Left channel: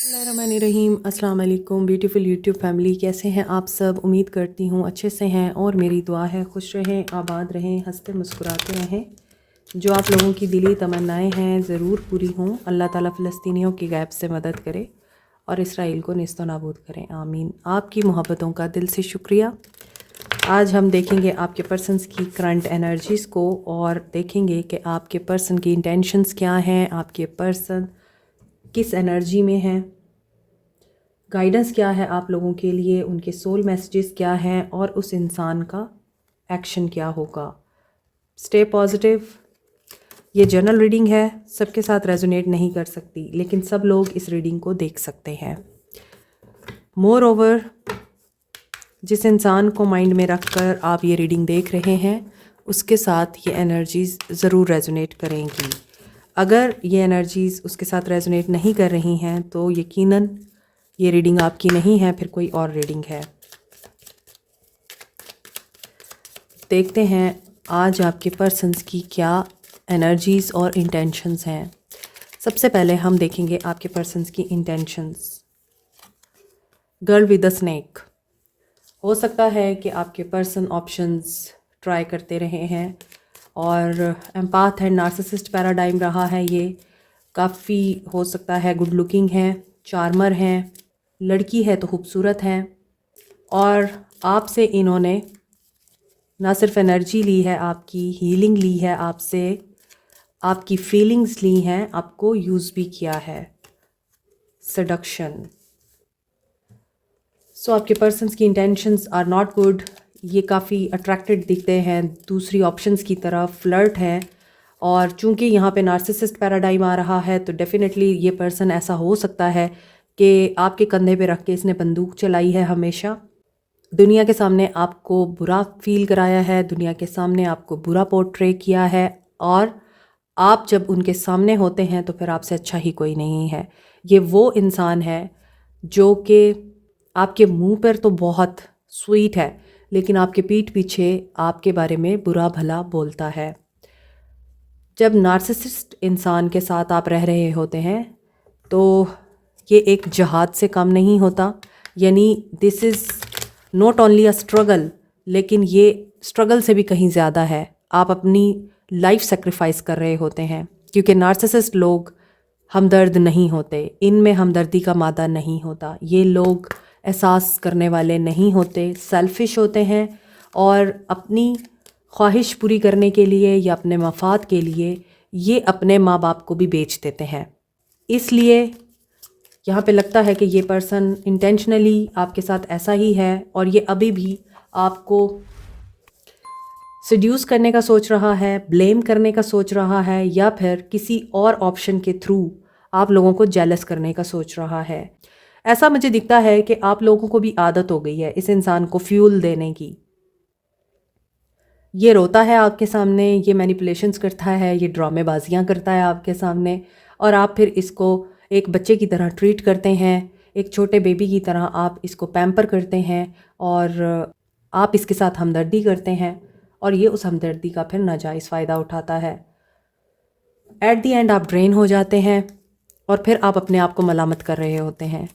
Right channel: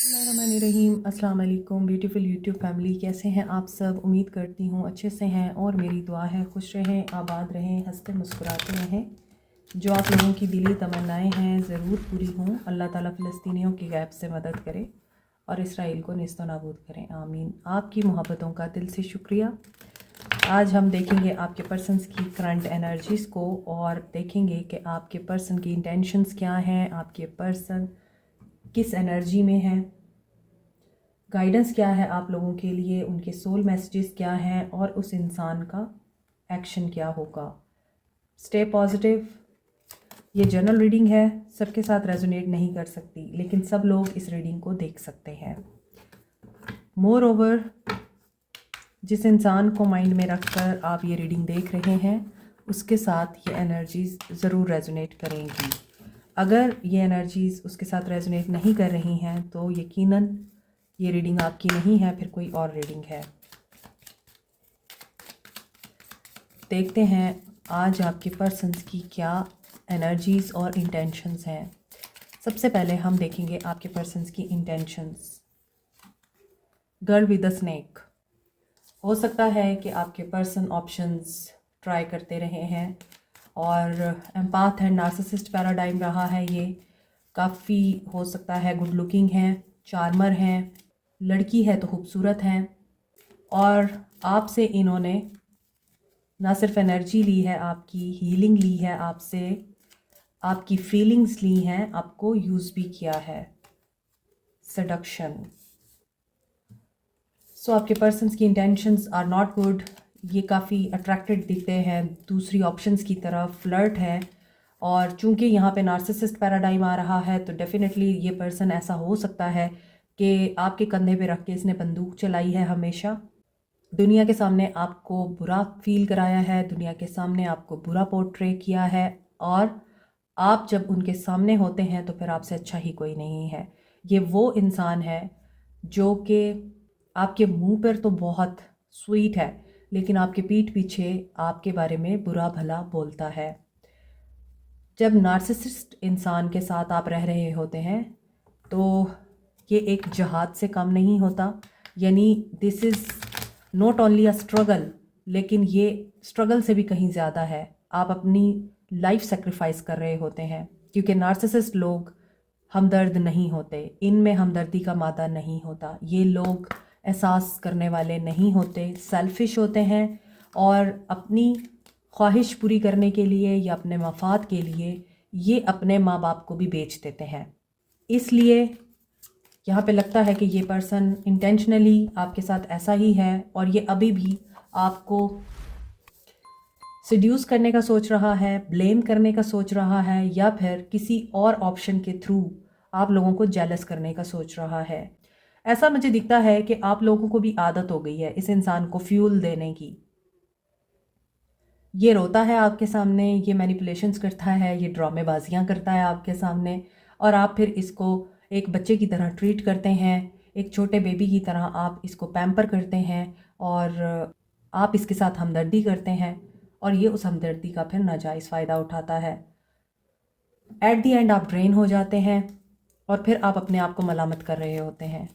बिस्मिल्लाहिर्रहमानिर्रहीम। अस्सलाम वालेकुम ब्यूटीफुल यूट्यूब फैमिली, कैसे हैं आप सब? उम्मीद करती हूँ अच्छे से हैं और मेरी दुआ है खुश रहें, आबाद रहें, हंसते मुस्कुराते रहें। जो आप लोगों की दिली तमन्नाएं हैं ज़रूर पूरी हों। अल्लाह ताला फ़लस्तीनियों की गैब से मदद करे और इसराइल को नेस्तो नाबूद करें, आमीन। आपकी मोहब्बतों का दिल से शुक्रिया। आज हम देखेंगे आपके पर्सन्स की करंट एनर्जीज़ को और देखेंगे कि आपके पर्सन की इंटेंशंस क्या हैं, आपके पर्सन किस एनर्जी में हैं, गाइडेंस क्या है आप लोगों के लिए, उनके सोल मैसेजेस क्या हैं और उस इंसान का एक्शन क्या होगा। Stay positive. ये जनरल रीडिंग है, सबके साथ रेजोनेट नहीं कर सकती, लेकिन सब लोग इस रीडिंग को देख सकते हैं। मोर ओवर, जिस इंसान को माइंड में रखकर आप ये रीडिंग देख रहे हैं उसके साथ ये एनर्जीज़ ज़रूर रेजोनेट करेंगी। अगर ये एनर्जीज़ उसके साथ रेजोनेट नहीं कर रही हैं तो यकीनन ये रीडिंग आपकी नहीं है, फिर कोई और रीडिंग है। देखते हैं आज आपके पर्सन्स की क्या एनर्जीज़ और इंटेंशंस हैं। सबसे पहले हम देखेंगे आपके पर्सन्स की intentions. Girl with a snake. हो सकता है कि आपके पर्सन ऑप्शंस ट्राई करते रहे हैं और एम्पाथ एंड नार्सिसिस्ट पैराडाइम रहा है। ये काफ़ी हो सकता है गुड लुकिंग है, चार्मर हैं, लड़की है तो खूबसूरत हैं और आपसे इन्होंने ना सिर्फ एनर्जी ली है, आपकी हीलिंग ली है, आपसे आपकी फीलिंग्स ली हैं, आपको यूज़ भी किया है। सडक्शन। सो आपके पर्सन्स की इंटेंशंस आर नॉट गुड। ये काफ़ी अट्रैक्टेड दिखते हैं दूसरी ऑप्शंस की तरफ, फ्लर्ट है और चूंकि यहाँ पे नार्सिसिस्ट पैराडाइम आ रहा है तो डेफिनेटली ये पर्सन ऐसा हो सकता है कि आपके कंधे पे रख के इसने बंदूक चलाई है हमेशा। दुनिया के सामने आपको बुरा फील कराया है, दुनिया के सामने आपको बुरा पोर्ट्रे किया है और आप जब उनके सामने होते हैं तो फिर आपसे अच्छा ही कोई नहीं है। ये वो इंसान है जो कि आपके मुंह पर तो बहुत स्वीट है लेकिन आपके पीठ पीछे आपके बारे में बुरा भला बोलता है। जब नार्सिसिस्ट इंसान के साथ आप रह रहे होते हैं तो ये एक जहाद से कम नहीं होता। यानी this is not only a struggle, लेकिन ये स्ट्रगल से भी कहीं ज़्यादा है। आप अपनी लाइफ सेक्रीफाइस कर रहे होते हैं क्योंकि नार्सिसिस्ट लोग हमदर्द नहीं होते, इनमें हमदर्दी का मादा नहीं होता। ये लोग एहसास करने वाले नहीं होते, सेल्फिश होते हैं और अपनी ख्वाहिश पूरी करने के लिए या अपने मफाद के लिए ये अपने माँ बाप को भी बेच देते हैं। इसलिए यहाँ पे लगता है कि ये पर्सन इंटेंशनली आपके साथ ऐसा ही है और ये अभी भी आपको सिड्यूस करने का सोच रहा है, ब्लेम करने का सोच रहा है या फिर किसी और ऑप्शन के थ्रू आप लोगों को जेलस करने का सोच रहा है। ऐसा मुझे दिखता है कि आप लोगों को भी आदत हो गई है इस इंसान को फ्यूल देने की। ये रोता है आपके सामने, ये मैनिपुलेशंस करता है, ये ड्रामेबाजियाँ करता है आपके सामने और आप फिर इसको एक बच्चे की तरह ट्रीट करते हैं, एक छोटे बेबी की तरह आप इसको पैम्पर करते हैं और आप इसके साथ हमदर्दी करते हैं और ये उस हमदर्दी का फिर नाजायज़ फ़ायदा उठाता है। एट दी एंड आप ड्रेन हो जाते हैं और फिर आप अपने आप को मलामत कर रहे होते हैं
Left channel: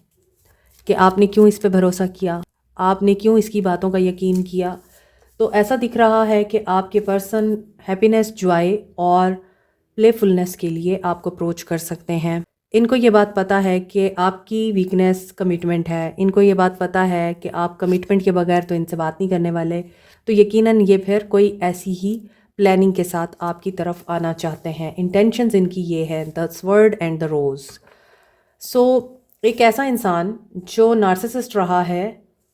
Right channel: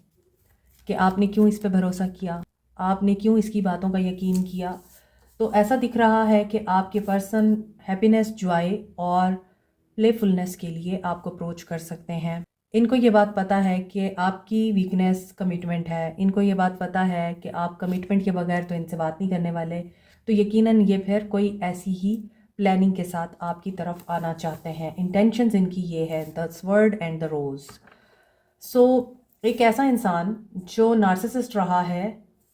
कि आपने क्यों इस पे भरोसा किया, आपने क्यों इसकी बातों का यकीन किया। तो ऐसा दिख रहा है कि आपके पर्सन हैप्पीनेस, जॉय और प्लेफुलनेस के लिए आपको अप्रोच कर सकते हैं। इनको ये बात पता है कि आपकी वीकनेस कमिटमेंट है, इनको ये बात पता है कि आप कमिटमेंट के बगैर तो इनसे बात नहीं करने वाले, तो यकीनन ये फिर कोई ऐसी ही प्लानिंग के साथ आपकी तरफ आना चाहते हैं। इंटेंशंस इनकी ये है, द स्वर्ड एंड द रोज़। सो एक ऐसा इंसान जो नार्सिसिस्ट रहा है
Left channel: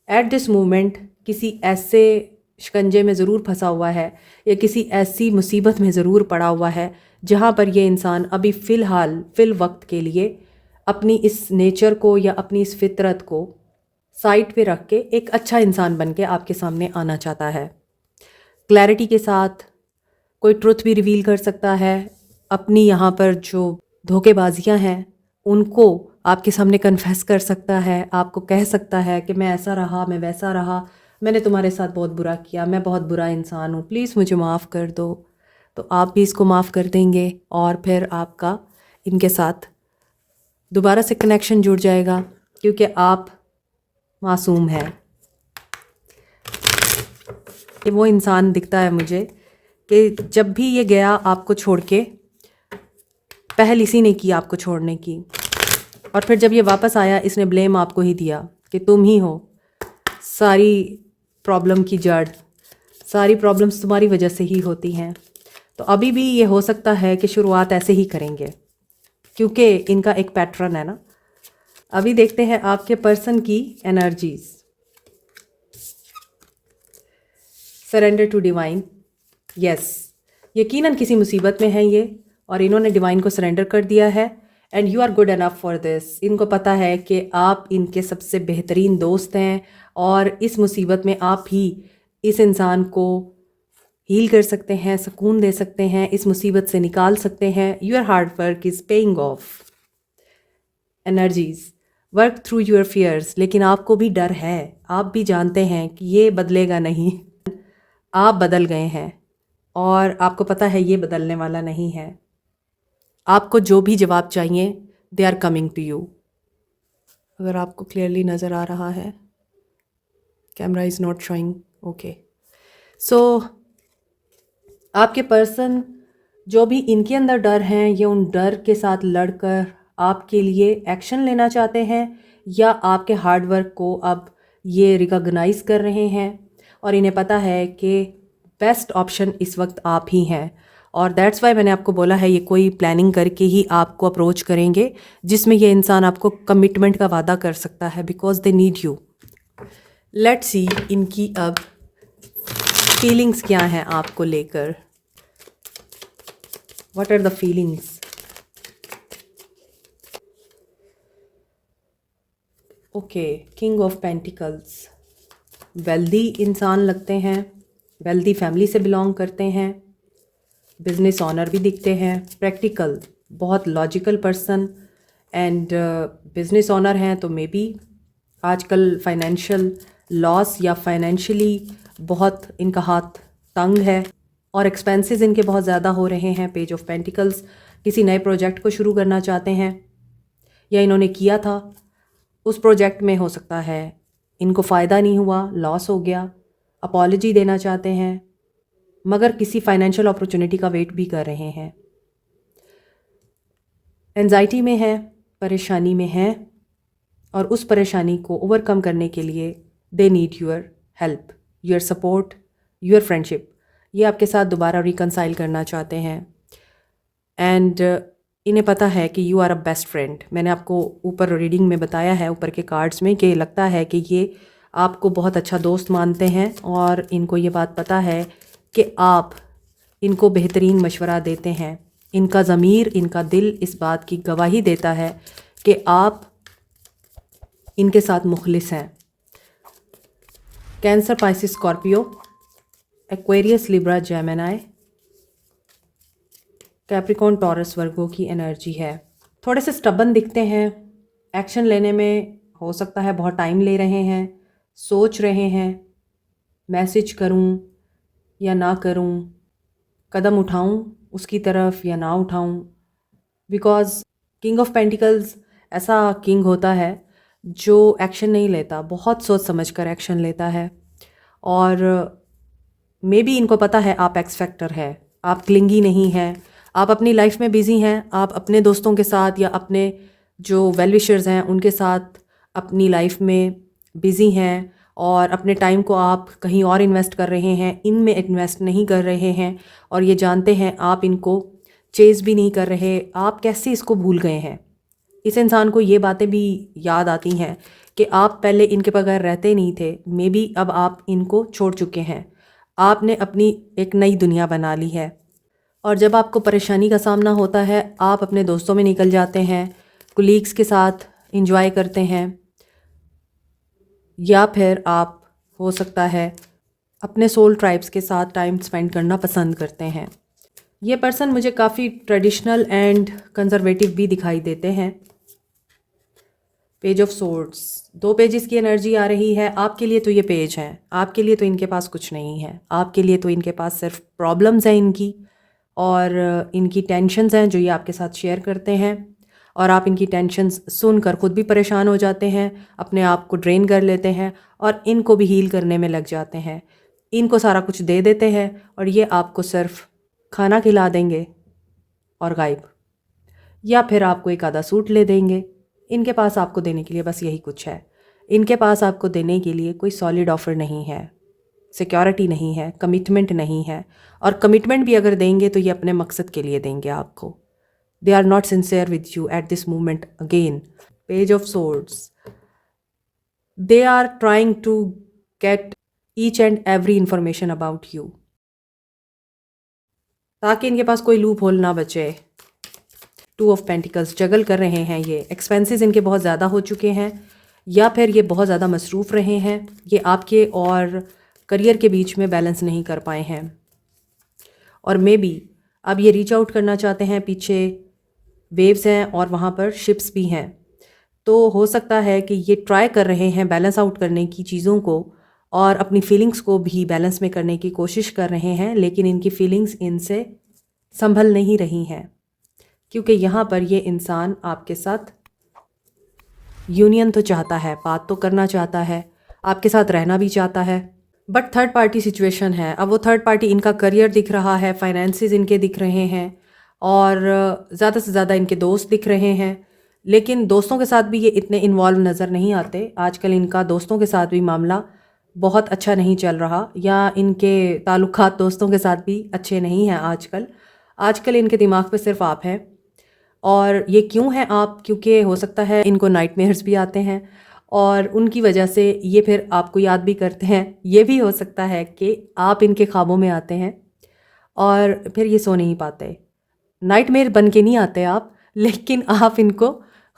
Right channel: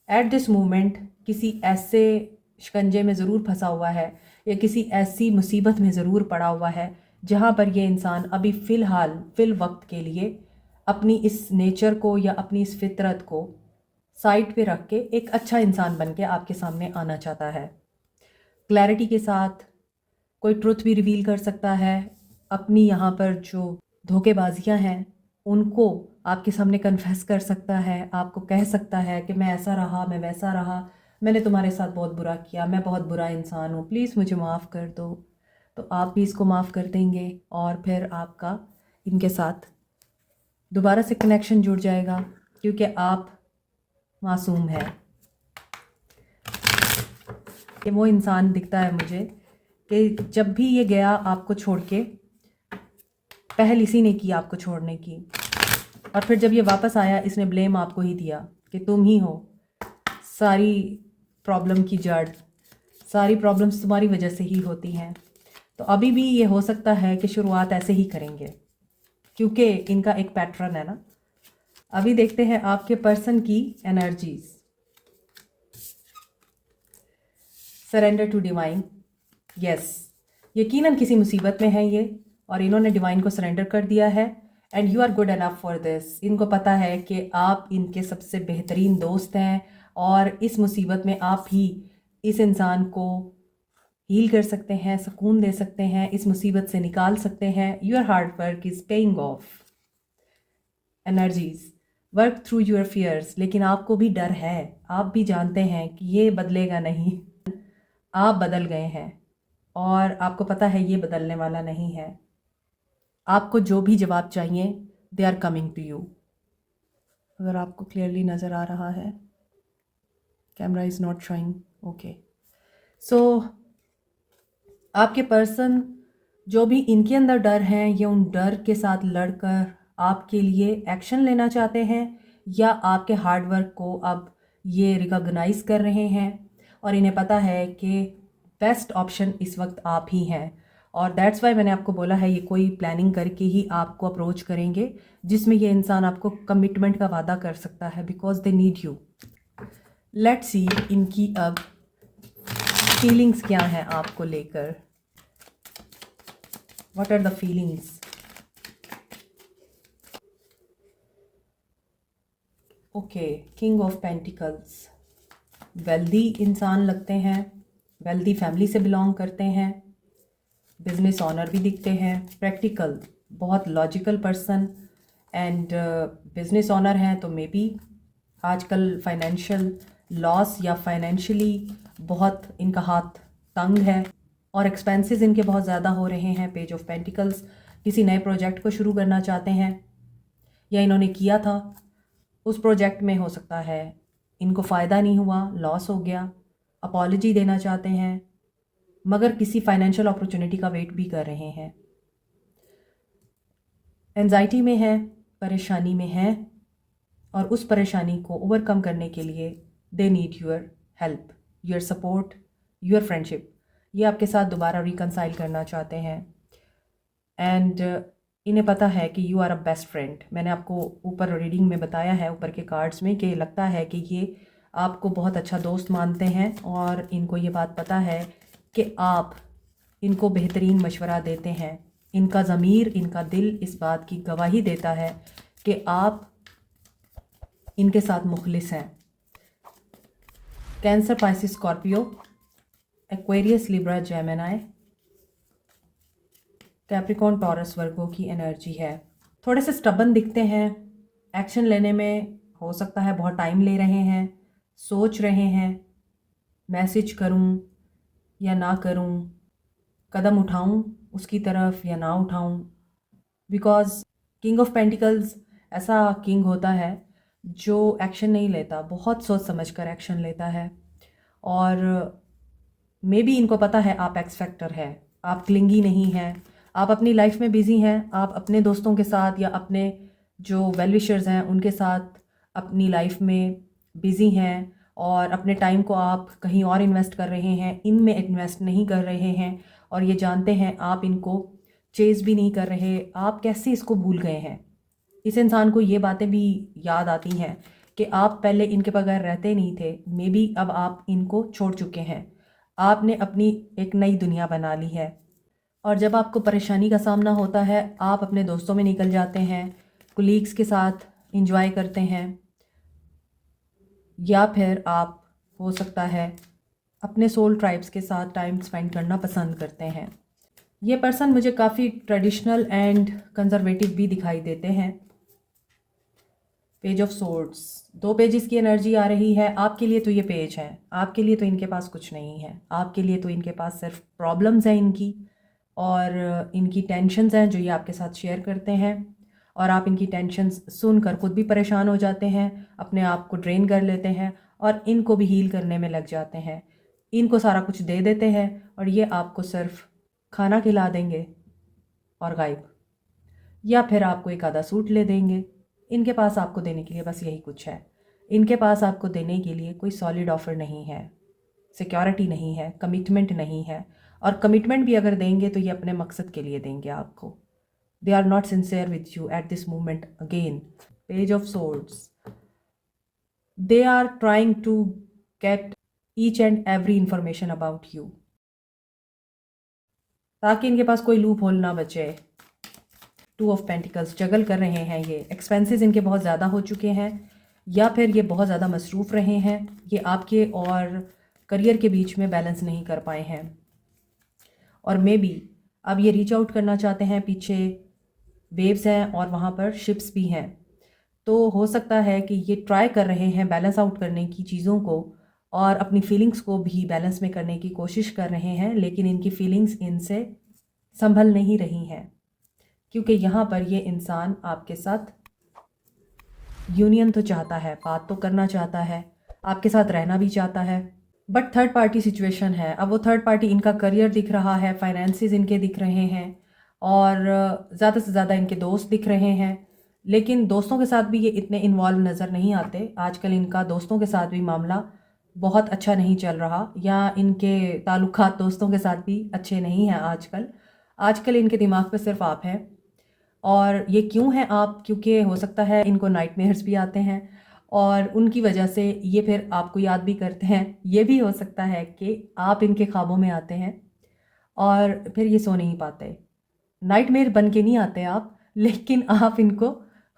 एट दिस मोमेंट किसी ऐसे शिकंजे में ज़रूर फंसा हुआ है या किसी ऐसी मुसीबत में ज़रूर पड़ा हुआ है जहाँ पर ये इंसान अभी फ़िल वक्त के लिए अपनी इस नेचर को या अपनी इस फितरत को साइड पे रख के एक अच्छा इंसान बन के आपके सामने आना चाहता है। क्लैरिटी के साथ कोई ट्रुथ भी रिवील कर सकता है, अपनी यहाँ पर जो धोखेबाजियाँ हैं उनको आपके सामने कन्फेस कर सकता है, आपको कह सकता है कि मैं ऐसा रहा, मैं वैसा रहा, मैंने तुम्हारे साथ बहुत बुरा किया, मैं बहुत बुरा इंसान हूँ, प्लीज़ मुझे माफ़ कर दो। तो आप भी इसको माफ़ कर देंगे और फिर आपका इनके साथ दोबारा से कनेक्शन जुड़ जाएगा क्योंकि आप मासूम हैं। ये वो इंसान दिखता है मुझे कि जब भी ये गया आपको छोड़ के, पहल इसी ने की आपको छोड़ने की, और फिर जब ये वापस आया इसने ब्लेम आपको ही दिया कि तुम ही हो सारी प्रॉब्लम की जड़, सारी प्रॉब्लम्स तुम्हारी वजह से ही होती हैं। तो अभी भी ये हो सकता है कि शुरुआत ऐसे ही करेंगे क्योंकि इनका एक पैटर्न है ना। अभी देखते हैं आपके पर्सन की energies. Surrender to divine. Yes, यकीनन किसी मुसीबत में है ये और इन्होंने डिवाइन को सरेंडर कर दिया है। And you are good enough for this. इनको पता है कि आप इनके सबसे बेहतरीन दोस्त हैं और इस मुसीबत में आप ही इस इंसान को हील कर सकते हैं, सुकून दे सकते हैं, इस मुसीबत से निकाल सकते हैं। Your hard work is paying off. Energies, work through your fears. लेकिन आपको भी डर है, आप भी जानते हैं कि ये बदलेगा नहीं। आप बदल गए हैं और आपको पता है ये बदलने वाला नहीं है। आपको जो भी जवाब चाहिए they are coming to you. अगर आपको क्लियरली नज़र आ रहा है, camera is not showing, okay. So आपके पर्सन जो भी इनके अंदर डर हैं, ये उन डर के साथ लड़कर आपके लिए एक्शन लेना चाहते हैं या आपके हार्ड वर्क को अब ये रिकॉग्नाइज कर रहे हैं और इन्हें पता है कि बेस्ट ऑप्शन इस वक्त आप ही हैं। और दैट्स वाई मैंने आपको बोला है ये कोई प्लानिंग करके ही आपको अप्रोच करेंगे जिसमें ये इंसान आपको कमिटमेंट का वादा कर सकता है because they need you. Let's see इनकी अब फीलिंग्स क्या हैं आपको लेकर। What are the feelings? Okay, king of pentacles. Wealthy इंसान लगते हैं, वेल्दी फैमिली से बिलोंग करते हैं, बिजनेस ऑनर भी दिखते हैं, प्रैक्टिकल, बहुत logical person and business honour हैं तो मे बी आजकल फाइनेंशियल लॉस या फाइनेंशियली बहुत इनका हाथ तंग है और एक्सपेंसेस इनके बहुत ज़्यादा हो रहे हैं। पेज ऑफ पेंटिकल्स, किसी नए प्रोजेक्ट को शुरू करना चाहते हैं या इन्होंने किया था, उस प्रोजेक्ट में हो सकता है इनको फ़ायदा नहीं हुआ, लॉस हो गया, अपॉलजी देना चाहते हैं मगर किसी फाइनेंशियल अपॉर्चुनिटी का वेट भी कर रहे हैं। एंजाइटी में है, परेशानी में है और उस परेशानी को ओवरकम करने के लिए they need your help, your support, your friendship. ये आपके साथ दोबारा रिकनसाइल करना चाहते हैं एंड इन्हें पता है कि you are a best friend. मैंने आपको ऊपर रीडिंग में बताया है, ऊपर के कार्ड्स में, कि लगता है कि ये आपको बहुत अच्छा दोस्त मानते हैं और इनको ये बात पता है कि आप इनको बेहतरीन मशवरा देते हैं। इनका ज़मीर, इनका दिल इस बात की गवाही देता है कि आप इनके साथ मुखलिस हैं। Cancer, Pisces, Scorpio, Aquarius, Libra, Gemini, Capricorn, Taurus, Virgo की एनर्जी है। थोड़े से स्टबन दिखते हैं, एक्शन लेने में हो सकता है बहुत टाइम ले रहे हैं, सोच रहे हैं मैसेज करूं या ना करूं, कदम उठाऊं उसकी तरफ या ना उठाऊं। बिकॉज किंग ऑफ पेंटिकल्स ऐसा किंग होता है जो एक्शन नहीं लेता, बहुत सोच समझ कर एक्शन लेता है और मे बी इनको पता है आप एक्स फैक्टर है, आप क्लिंगी नहीं हैं, आप अपनी लाइफ में बिज़ी हैं, आप अपने दोस्तों के साथ या अपने जो वेल विशर्स हैं उनके साथ अपनी लाइफ में बिज़ी हैं और अपने टाइम को आप कहीं और इन्वेस्ट कर रहे हैं, इनमें इन्वेस्ट नहीं कर रहे हैं और ये जानते हैं आप इनको चेज़ भी नहीं कर रहे। आप कैसे इसको भूल गए हैं? इस इंसान को ये बातें भी याद आती हैं कि आप पहले इनके बगैर रहते नहीं थे, मे बी अब आप इनको छोड़ चुके हैं, आपने अपनी एक नई दुनिया बना ली है और जब आपको परेशानी का सामना होता है आप अपने दोस्तों में निकल जाते हैं, कुलीग्स के साथ इंजॉय करते हैं या फिर आप हो सकता है अपने सोल ट्राइब्स के साथ टाइम स्पेंड करना पसंद करते हैं। ये पर्सन मुझे काफ़ी ट्रेडिशनल एंड कंजर्वेटिव भी दिखाई देते हैं। पेज ऑफ सोर्ड्स, 2 पेजेस की एनर्जी आ रही है। आपके लिए तो ये पेज है, आपके लिए तो इनके पास कुछ नहीं है, आपके लिए तो इनके पास सिर्फ प्रॉब्लम्स हैं इनकी और इनकी टेंशन्स हैं जो ये आपके साथ शेयर करते हैं। और आप इनकी टेंशन्स सुनकर खुद भी परेशान हो जाते हैं, अपने आप को ड्रेन कर लेते हैं और इनको भी हील करने में लग जाते हैं। इनको सारा कुछ दे देते हैं और ये आपको सिर्फ खाना खिला देंगे और गायब, या फिर आपको एक आधा सूट ले देंगे। इनके पास आपको देने के लिए बस यही कुछ है। इनके पास आपको देने के लिए कोई सॉलिड ऑफर नहीं है, सिक्योरिटी नहीं है, कमिटमेंट नहीं है। और कमिटमेंट भी अगर देंगे तो ये अपने मकसद के लिए देंगे आपको। They are not sincere with you at this moment. Again page of swords, they are trying to get each and every information about you, ताकि इनके पास कोई लूप होल ना बचे। टू ऑफ पेंटिकल्स, जगल कर रहे हैं ये। एक्सपेंसेस इनके बहुत ज़्यादा हो चुके हैं या फिर ये बहुत ज़्यादा मसरूफ़ रहे हैं। ये आपके और करियर के बीच में बैलेंस नहीं कर पाए हैं और मे बी अब ये रीच आउट करना चाहते हैं। पीछे वेव्स हैं और वहाँ पर शिप्स भी हैं, तो हो सकता है कि ये ट्राई कर रहे हैं बैलेंस आउट करने की चीज़ों को और अपनी फीलिंग्स को भी बैलेंस में करने की कोशिश कर रहे हैं, लेकिन इनकी फीलिंग्स इनसे संभल नहीं रही हैं क्योंकि यहाँ पर ये इंसान आपके साथ यूनियन तो चाहता है, बात तो करना चाहता है, आपके साथ रहना भी चाहता है, बट थर्ड पार्टी सिचुएशन है। अब वो थर्ड पार्टी, इनका करियर दिख रहा है, फाइनेंसेस इनके दिख रहे हैं और ज़्यादा से ज़्यादा इनके दोस्त दिख रहे हैं, लेकिन दोस्तों के साथ भी ये इतने इन्वॉल्व नज़र नहीं आते। आजकल इनका दोस्तों के साथ भी मामला बहुत अच्छा नहीं चल रहा, या इनके ताल्लुकात दोस्तों के साथ भी अच्छे नहीं हैं आजकल। आजकल इनके दिमाग पे सिर्फ आप हैं। और ये क्यों हैं आप? क्योंकि हो सकता है इनको नाइटमेयर्स भी आते हैं और उनकी वजह से ये फिर आपको याद भी करते हैं। ये भी हो सकता है कि आप इनके ख्वाबों में आते हैं और फिर ये सो नहीं पाते। नाइटमेयर बन के नहीं आते आप, लेकिन आप इनको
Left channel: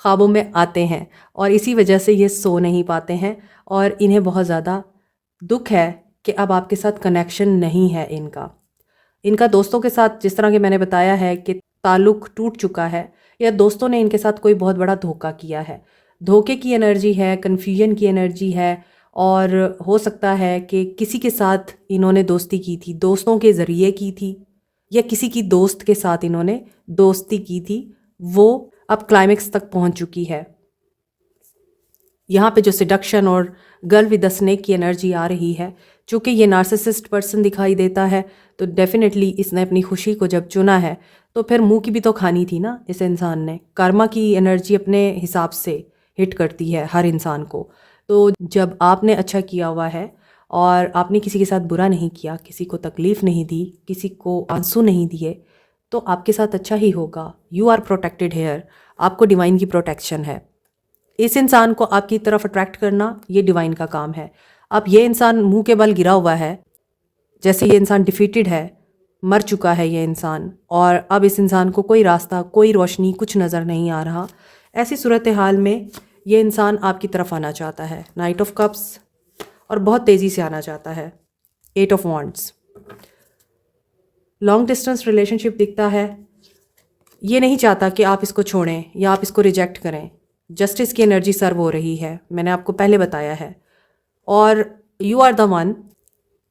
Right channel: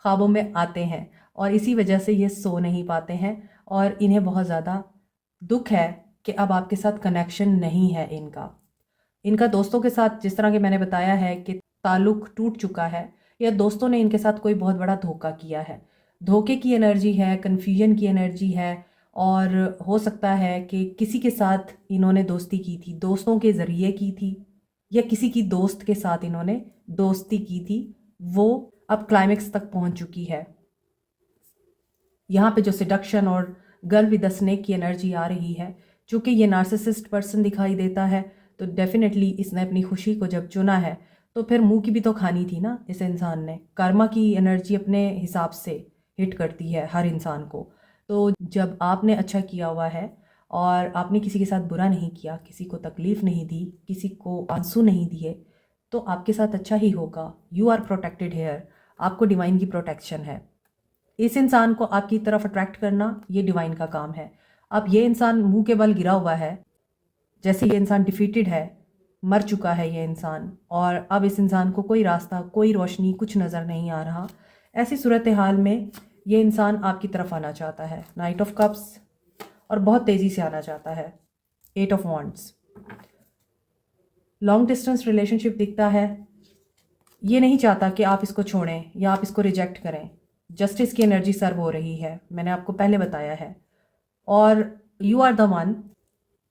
ख्वाबों में आते हैं और इसी वजह से ये सो नहीं पाते हैं और इन्हें बहुत ज़्यादा दुख है कि अब आपके साथ कनेक्शन नहीं है इनका। इनका दोस्तों के साथ, जिस तरह कि मैंने बताया है कि ताल्लुक़ टूट चुका है या दोस्तों ने इनके साथ कोई बहुत बड़ा धोखा किया है। धोखे की एनर्जी है, कन्फ्यूजन की एनर्जी है और हो सकता है कि किसी के साथ इन्होंने दोस्ती की थी, दोस्तों के ज़रिए की थी, या किसी की दोस्त के साथ इन्होंने दोस्ती की थी, वो अब क्लाइमेक्स तक पहुंच चुकी है। यहाँ पे जो सिडक्शन और गर्ल विद द स्नेक की एनर्जी आ रही है, चूँकि ये नार्सिसिस्ट पर्सन दिखाई देता है, तो डेफिनेटली इसने अपनी खुशी को जब चुना है तो फिर मुंह की भी तो खानी थी ना इस इंसान ने। कर्मा की एनर्जी अपने हिसाब से हिट करती है हर इंसान को। तो जब आपने अच्छा किया हुआ है और आपने किसी के साथ बुरा नहीं किया, किसी को तकलीफ़ नहीं दी, किसी को आंसू नहीं दिए, तो आपके साथ अच्छा ही होगा। यू आर प्रोटेक्टेड हेयर, आपको डिवाइन की प्रोटेक्शन है। इस इंसान को आपकी तरफ अट्रैक्ट करना ये डिवाइन का काम है। अब ये इंसान मुंह के बल गिरा हुआ है, जैसे ये इंसान डिफीटेड है, मर चुका है ये इंसान, और अब इस इंसान को कोई रास्ता, कोई रोशनी, कुछ नज़र नहीं आ रहा। ऐसी सूरत हाल में ये इंसान आपकी तरफ आना चाहता है, नाइट ऑफ कप्स, और बहुत तेज़ी से आना चाहता है, 8 of wands. Long distance relationship दिखता है। ये नहीं चाहता कि आप इसको छोड़ें या आप इसको रिजेक्ट करें। जस्टिस की एनर्जी सर्व हो रही है, मैंने आपको पहले बताया है, और यू आर द वन।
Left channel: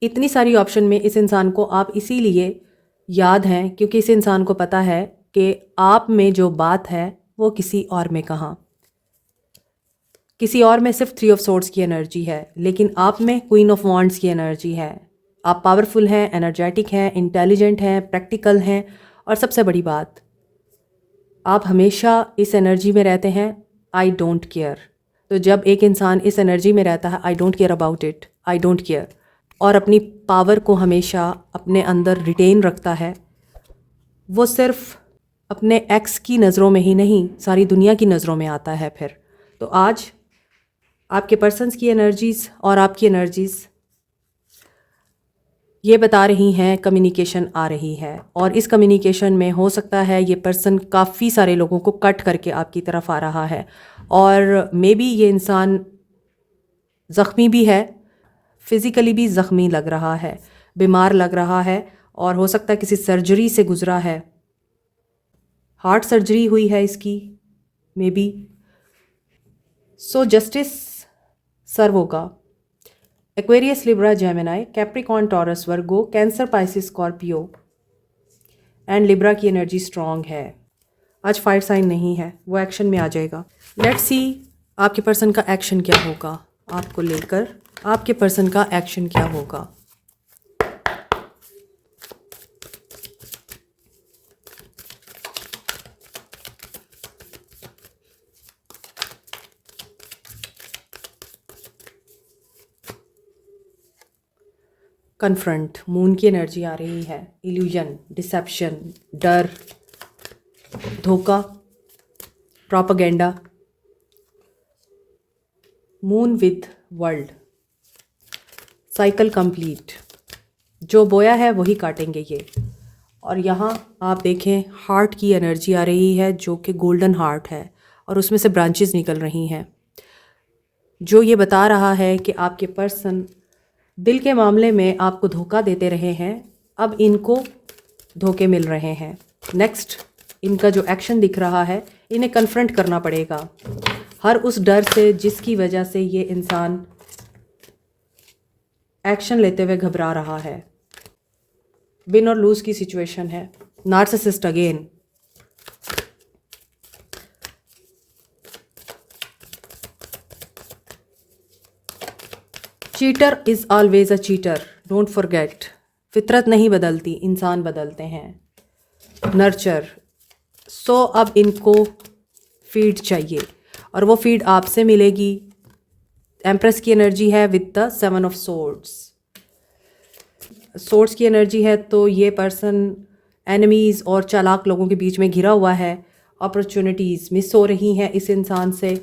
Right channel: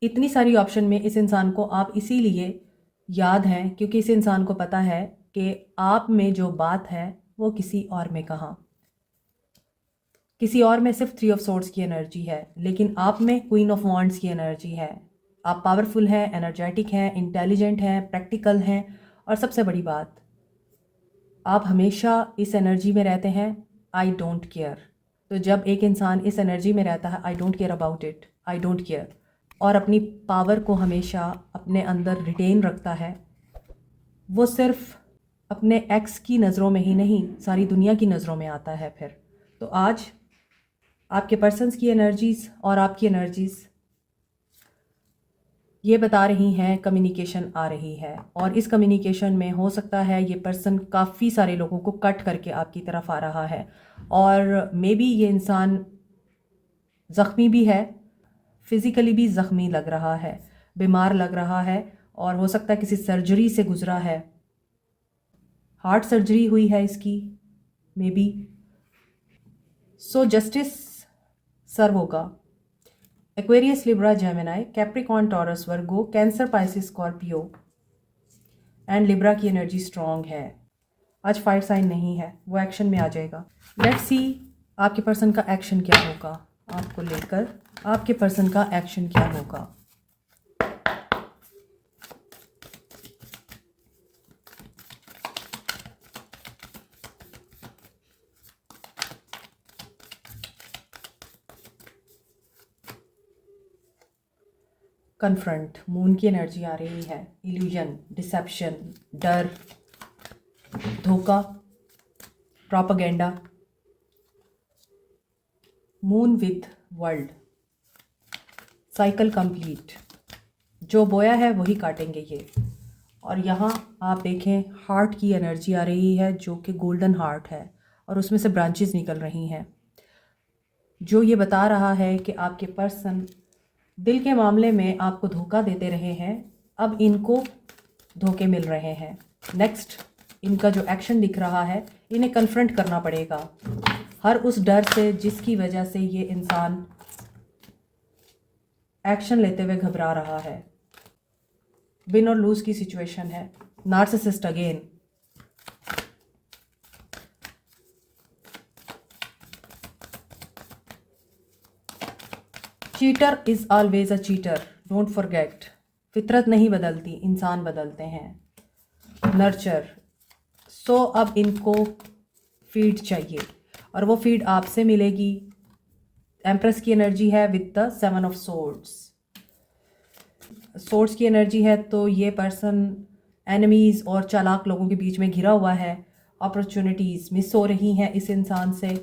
इतनी सारी ऑप्शन में इस इंसान को आप इसीलिए याद हैं क्योंकि इस इंसान को पता है कि आप में जो बात है वो किसी और में कहाँ, किसी और में सिर्फ 3 ऑफ सोर्ड्स की एनर्जी है, लेकिन आप में क्वीन ऑफ वॉन्ड्स की एनर्जी है। आप पावरफुल हैं, एनर्जेटिक हैं, इंटेलिजेंट हैं, प्रैक्टिकल हैं, और सबसे बड़ी बात, आप हमेशा इस एनर्जी में रहते हैं, आई डोंट केयर। तो जब एक इंसान इस एनर्जी में रहता है, I don't care about it, I don't care, और अपनी पावर को हमेशा अपने अंदर रिटेन रखता है, वो सिर्फ अपने एक्स की नज़रों में ही नहीं, सारी दुनिया की नज़रों में आता है फिर। तो आज आपके पर्सन्स की एनर्जीज़ और आपकी एनर्जीज़ ये बता रही हैं कम्युनिकेशन आ रही है, और इस कम्युनिकेशन में हो सकता है ये पर्सन काफ़ी सारे लोगों को कट करके आपकी तरफ आ रहा है, और मे बी ये इंसान ज़ख्मी भी है, फिज़िकली भी ज़ख्मी लग रहा है, बीमार लग रहा है, और हो सकता है किसी सर्जरी से गुज़रा है, हार्ट सर्जरी हुई है इसकी मे बी। सो जस्टिस सर्व होगा। Aquarius, Libra, Gemini, Capricorn, Taurus, Virgo, cancer, Pisces, Scorpio and Libra की एनर्जी स्ट्रॉन्ग है। आज फायर साइन नहीं है, वो एक्शन में आ जाएगा। लेट्स सी आपके पर्सन का एक्शन क्या होगा, आपको लेकर आपके पर्सन का एक्शन क्या होगा। कन्फ्रंट, मून की एनर्जी आ रही है। इल्यूजन, डिसेप्शन, डर, धोखा, propaganda, moon with world, cycle complete. जो बोया है वही काटेंगे ये। और यहाँ आप देखें हार्ट की एनर्जी आ रही है जो कि गोल्डन हार्ट है और उसमें से ब्रांचेस निकल रही हैं, जो ये बता रहा है कि आपके पर्सन दिल के मामले में आपको धोखा देते रहे हैं, अब इनको धोखे मिल रहे हैं। नेक्स्ट इनका जो एक्शन दिख रहा है, इन्हें कन्फ्रंट करना पड़ेगा हर उस डर से जिसकी वजह से ये इंसान एक्शन लेते हुए घबरा रहा है। विन और लूज की सिचुएशन है। Narcissist again, cheater is always a cheater, don't forget. फितरत नहीं बदलती, इंसान बदलते हैं। नर्चर, सो अब इनको फीड चाहिए और वो फीड आपसे मिलेगी। एम्प्रेस की एनर्जी है with the 7 of swords. Swords की एनर्जी है तो ये पर्सन एनिमीज़ और चालाक लोगों के बीच में घिरा हुआ है। अपॉर्चुनिटीज़ मिस हो रही हैं इस इंसान से।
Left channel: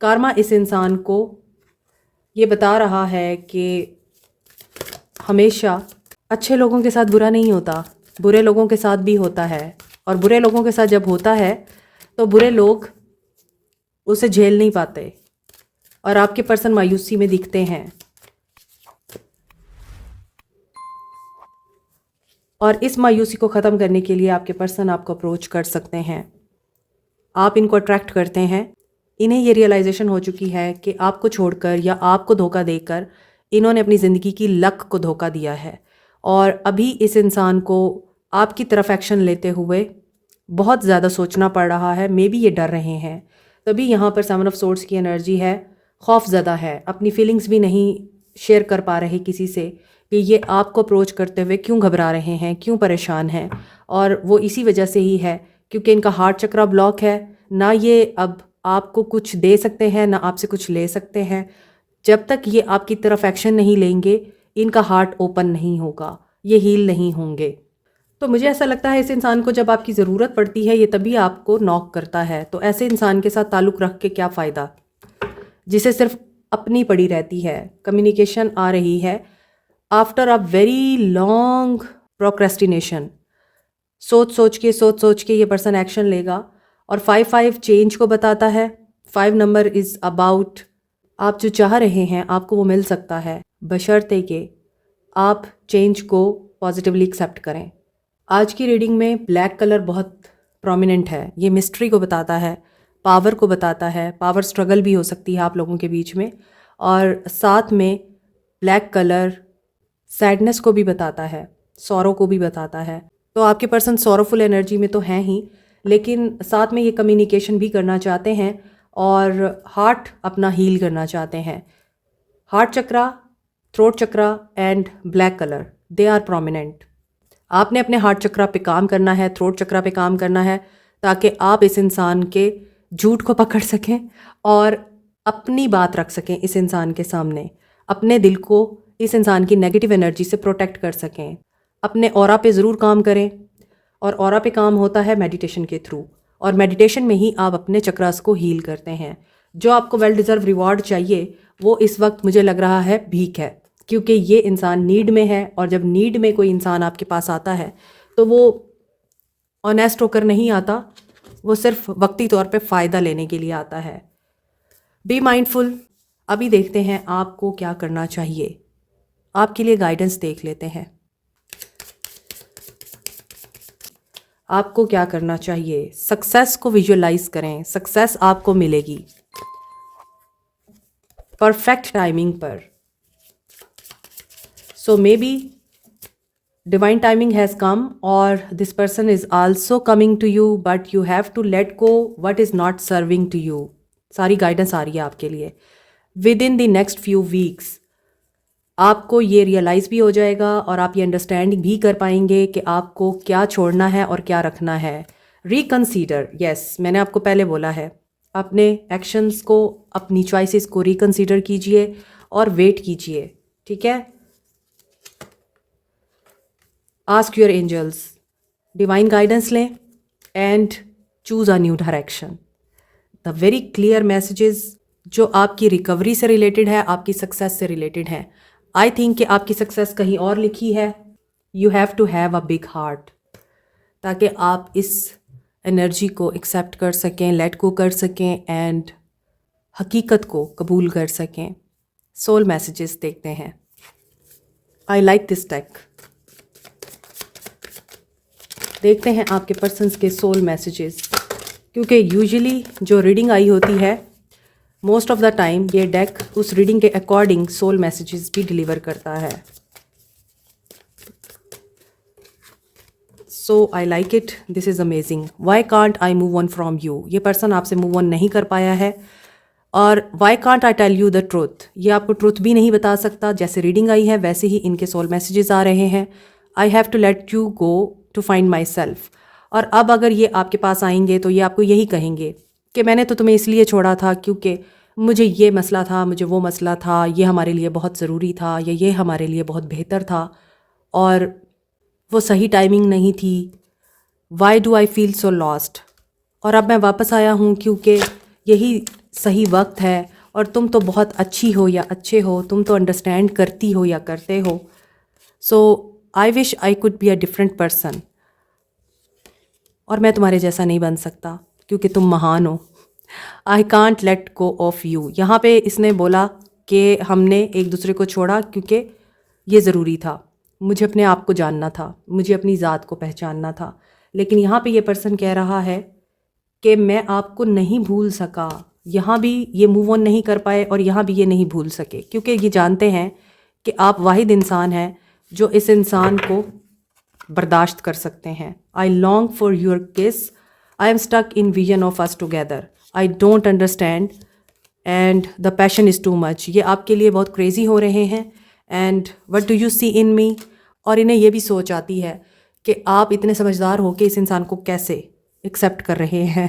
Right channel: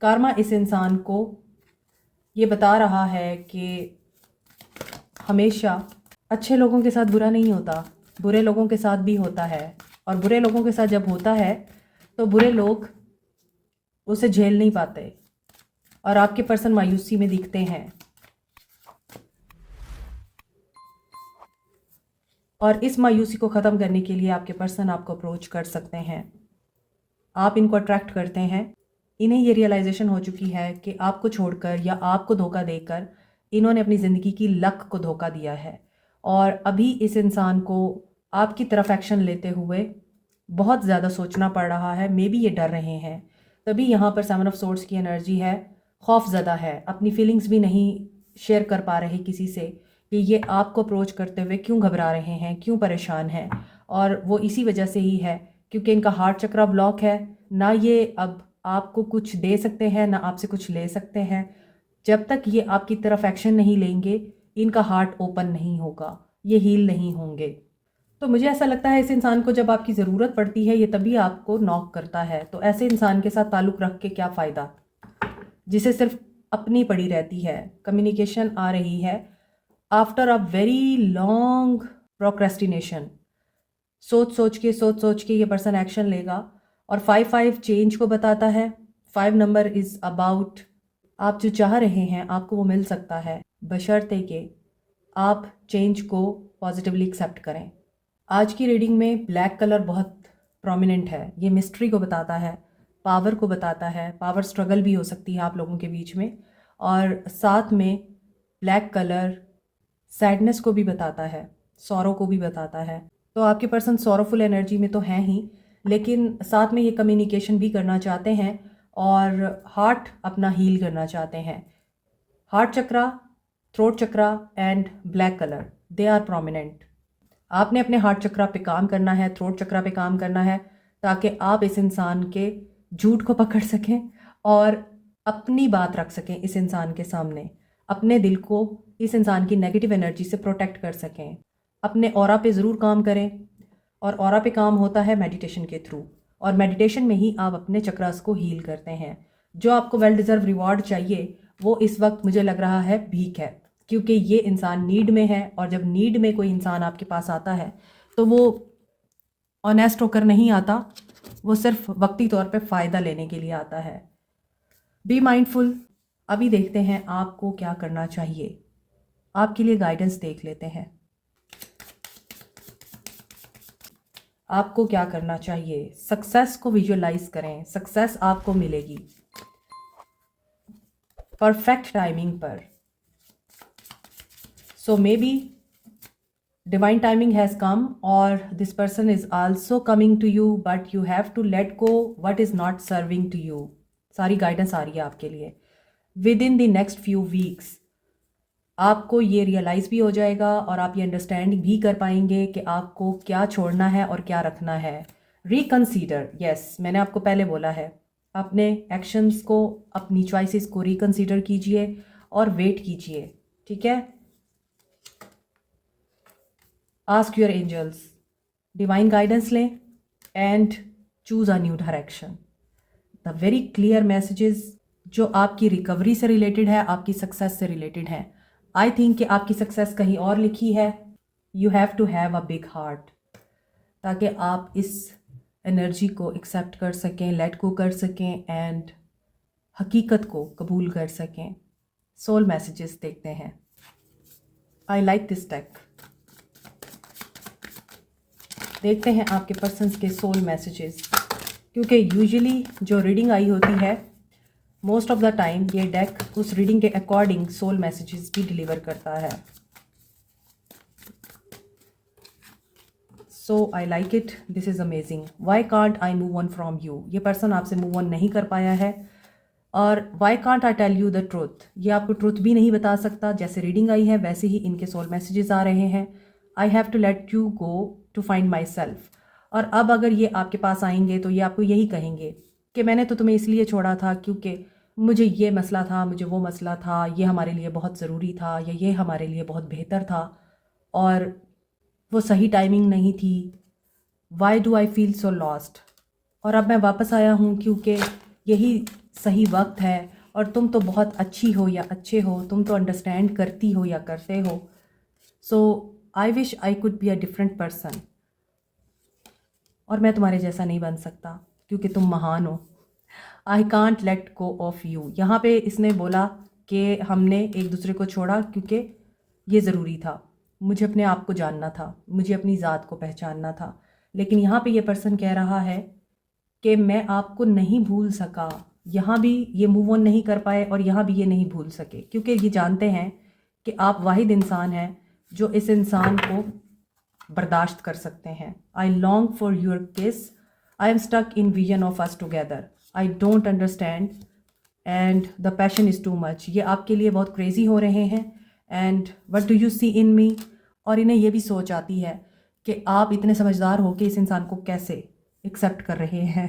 कार्मा इस इंसान को ये बता रहा है कि हमेशा अच्छे लोगों के साथ बुरा नहीं होता, बुरे लोगों के साथ भी होता है। और बुरे लोगों के साथ जब होता है तो बुरे लोग उसे झेल नहीं पाते और आपके पर्सन मायूसी में दिखते हैं। और इस मायूसी को ख़त्म करने के लिए आपके पर्सन आपको अप्रोच कर सकते हैं, आप इनको अट्रैक्ट करते हैं। इन्हें ये रियलाइजेशन हो चुकी है कि आपको छोड़कर या आपको धोखा देकर इन्होंने अपनी ज़िंदगी की लक को धोखा दिया है। और अभी इस इंसान को आपकी तरफ एक्शन लेते हुए बहुत ज़्यादा सोचना पड़ रहा है। मे बी ये डर रहे हैं, तभी यहाँ पर 7 ऑफ सोर्ड्स की एनर्जी है। खौफज़दा है, अपनी फीलिंग्स भी नहीं शेयर कर पा रहे किसी से कि ये आपको अप्रोच करते हुए क्यों घबरा रहे हैं, क्यों परेशान हैं। और वो इसी वजह से ही है क्योंकि इनका हार्ट चक्रा ब्लॉक है। ना ये अब आपको कुछ दे सकते हैं, ना आपसे कुछ ले सकते हैं। जब तक ये आपकी तरफ एक्शन नहीं लेंगे, इनका हार्ट ओपन नहीं होगा, ये हील नहीं होंगे। तो मुझे ऐसा लगता है इस इंसान को जब आपकी ज़रूरत पड़ती है ये तभी आपको नॉक करता है। तो ऐसे इंसान के साथ ताल्लुक़ रख के क्या फ़ायदा, जिसे सिर्फ अपनी पड़ी रहती है। कम्युनिकेशन आ रही है after a very long procrastination. सोच सोच के ये पर्सन एक्शन लेगा। और 5 चेंज को बताता है। 5 नंबर इज़ अबाउट आप जो चाह रहे हैं आपको वो मिल सकता है, बशर्ते कि आप चेंज को पॉजिटिवली एक्सेप्ट करें। आज की रीडिंग में ब्लैक कलर बहुत प्रोमिनेंट है। ये मिस्ट्री को बताता है, पावर को बताता है। पावर स्ट्रगल भी हो सकती है आप लोगों के बीच में। और साथ में ब्लैक कलर सैडनेस को भी बताता है, सौरो को भी बताता है। तो आपके पर्सन सौरोफुल एनर्जी में तो हैं ही, लेकिन साथ में ये कम्युनिकेशन भी करना चाहते हैं और हार्ट अपना हील करना चाहते हैं। Heart chakra, throat chakra and black colour, they are prominent. आपने अपने हार्ट चक्रा पे काम करना है, थ्रोट चक्रा पे काम करना है, ताकि आप इस इंसान के झूठ को पकड़ सकें और अपनी बात रख सकें इस इंसान के सामने। अपने दिल को इस इंसान की नेगेटिव एनर्जी से प्रोटेक्ट कर सकें। अपने ऑरा पे ज़रूर काम करें और ऑरा पे काम होता है मेडिटेशन के थ्रू। और मेडिटेशन में ही आप अपने चक्रास को हील करते हैं। जो आपको वेल डिज़र्व रिवॉर्ड चाहिए वो इस वक्त मुझे लग रहा है भीख है, क्योंकि ये इंसान नीड में है। और जब नीड में कोई इंसान आपके पास आता है तो वो ऑनेस्ट होकर नहीं आता, वो सिर्फ वक्ती तौर पे फ़ायदा लेने के लिए आता है। Be mindful. अभी देखते हैं आपको क्या करना चाहिए। आपके लिए गाइडेंस देख लेते हैं। आपको क्या करना चाहिए, सक्सेस को विजुअलाइज करें। सक्सेस आपको मिलेगी परफेक्ट टाइमिंग पर। So maybe Divine timing has come, or this person is also coming to you, but you have to let go what is not serving to you. सारी guidance आ रही है आपके लिए. With in the next few weeks आपको ये realise भी हो जाएगा और आप ये अंडरस्टैंड भी कर पाएंगे कि आपको क्या छोड़ना है और क्या रखना है. रिकंसीडर, यस, मैंने आपको पहले बोला है, अपने एक्शंस को, अपनी चॉइसेस को रिकंसीडर कीजिए और वेट कीजिए. ठीक है. Ask your angels, divine guidance लें and choose a new direction. The very clear messages जो आपकी रिकवरी से रिलेटेड है, आपकी सक्सेस से रिलेटेड है. आई थिंक कि आपकी सक्सेस कहीं और लिखी है. You have to have a big heart ताकि आप इस एनर्जी को एक्सेप्ट कर सकें, लेट गो कर सकें एंड हकीकत को कबूल कर सकें. सोल मैसेजेस देखते हैं. I like this deck. देखते हैं आपके पर्सन्स के सोल मैसेजेस, क्योंकि यूजुअली जो रीडिंग आई होती है, मोस्ट ऑफ द टाइम ये डेक उस रीडिंग के अकॉर्डिंग सोल मैसेजेस भी डिलीवर करता है. So I like it. This is amazing. Why can't I move on from you. ये पर्सन आपसे मूव ऑन नहीं कर पाया है. और why can't I tell you the truth. ये आपको ट्रूथ भी नहीं बता सकता. जैसे रीडिंग आई है वैसे ही इनके सोल मैसेजेस आ रहे हैं. I have to let you go to find myself. और अब अगर ये आपके पास आएंगे तो ये आपको यही कहेंगे कि मैंने तो तुम्हें इसलिए छोड़ा था क्योंकि मुझे ये मसला था, मुझे वो मसला था, ये हमारे लिए बहुत ज़रूरी था, या ये हमारे लिए बहुत बेहतर था और वो सही टाइमिंग नहीं थी. Why do I feel so lost. और अब मैं वापस आया हूँ क्योंकि यही सही वक्त है और तुम तो बहुत अच्छी हो या अच्छे हो, तुम तो अंडरस्टैंड करती हो या करते हो. So I wish I could be a different person. और मैं तुम्हारे जैसा नहीं बन सकता क्योंकि तुम महान हो. I can't let go of you. यहाँ पे इसने बोला कि हमने एक दूसरे को छोड़ा क्योंकि ये ज़रूरी था. मुझे अपने आप को जानना था, मुझे अपनी ज़ात को पहचानना था. लेकिन यहाँ पे ये पर्सन कह रहा है कि मैं आपको नहीं भूल सका. यहाँ भी ये मूव ऑन नहीं कर पाए और यहाँ भी ये नहीं भूल सके क्योंकि ये जानते हैं कि आप वाहिद इंसान हैं जो इस इंसान को बर्दाश्त कर सकते हैं. I long for your kiss. I am stuck in vision of us together. I don't understand and the passion is too much. ये आपके लिए बहुत क्रेजी हो रहे हैं. And what do you see in me. और इन्हें ये भी सोच आती है कि आप इतने समझदार हो कि इस इंसान को कैसे एक्सेप्ट कर रहे हैं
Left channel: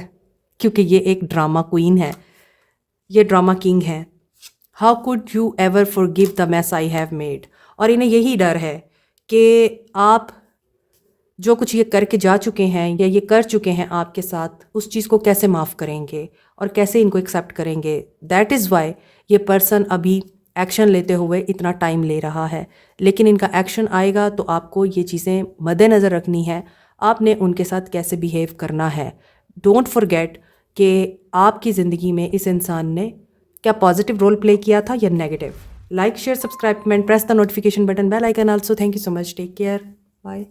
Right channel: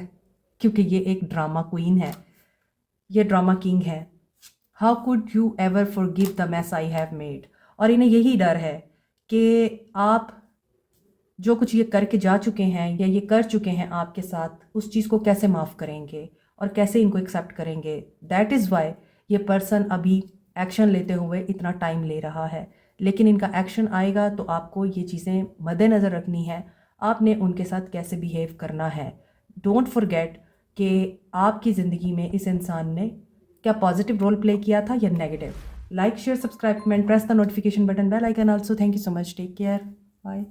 क्योंकि ये एक ड्रामा क्वीन है, ये ड्रामा किंग है. How could you ever forgive the mess I have made. और इन्हें यही डर है कि आप जो कुछ ये करके जा चुके हैं या ये कर चुके हैं आपके साथ, उस चीज़ को कैसे माफ़ करेंगे और कैसे इनको एक्सेप्ट करेंगे. दैट इज़ वाई ये पर्सन अभी एक्शन लेते हुए इतना टाइम ले रहा है. लेकिन इनका एक्शन आएगा तो आपको ये चीज़ें मद्देनज़र रखनी है. आपने उनके साथ कैसे बिहेव करना है. डोंट फॉरगेट कि आपकी ज़िंदगी में इस इंसान ने क्या पॉजिटिव रोल प्ले किया था या negative. Like, share, subscribe, comment, press the notification button, bell icon also. Thank you so much. Take care. Bye.